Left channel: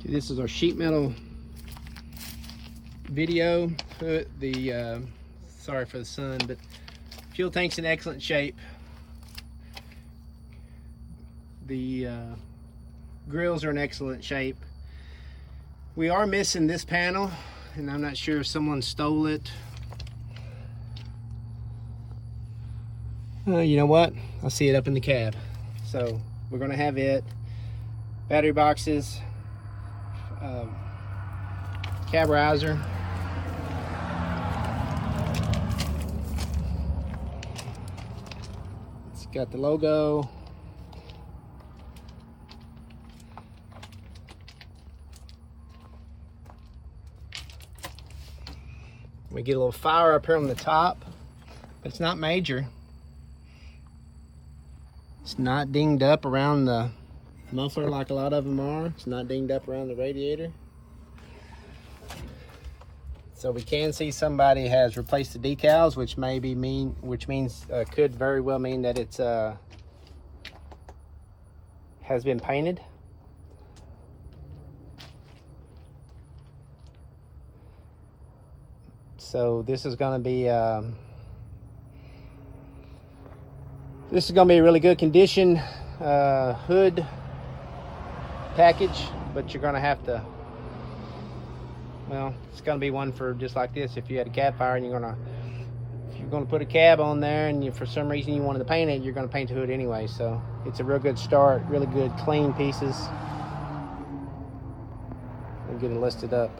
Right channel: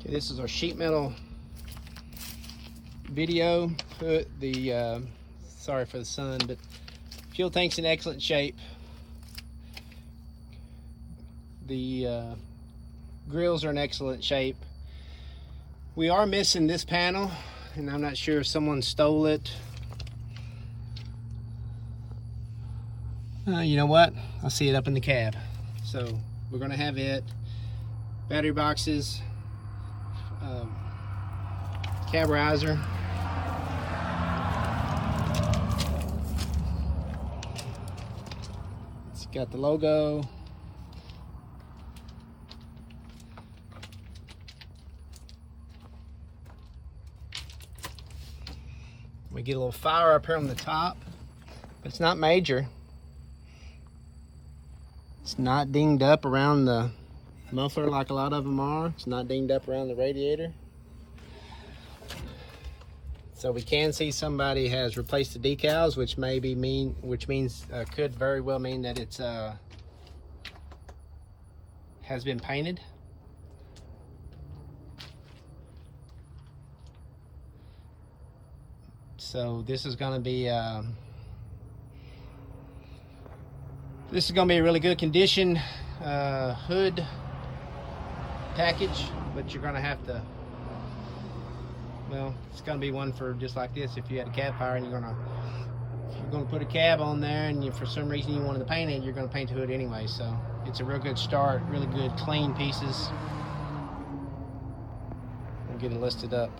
Okay, this is our sheet metal video. Sorry for the sun, but fuel tank's in excellent shape. The grills are in excellent shape. We are missing this panel, and I'm not sure if someone stole it. You know what? I see it up in the cab. So we're gonna have it. Battery boxes, cab riser. It's got the logo. We get a little fire up here on the top, but it's not major. It's not dinged up around the muffler like a lot of them are. It's not dinged up around the radiator. So we can see somebody has replaced the decals, which could very well mean that it's has been painted. So this is going to be a really good condition hood package, but you're going to have to, well, it's going to be one for just like this. If you had a cab fire and if you're going to put a cab on there and for some reason you wanted to paint it, you're going to paint the hood anyway. So it's a real good start, really good clean pieces. I'll get it listed up.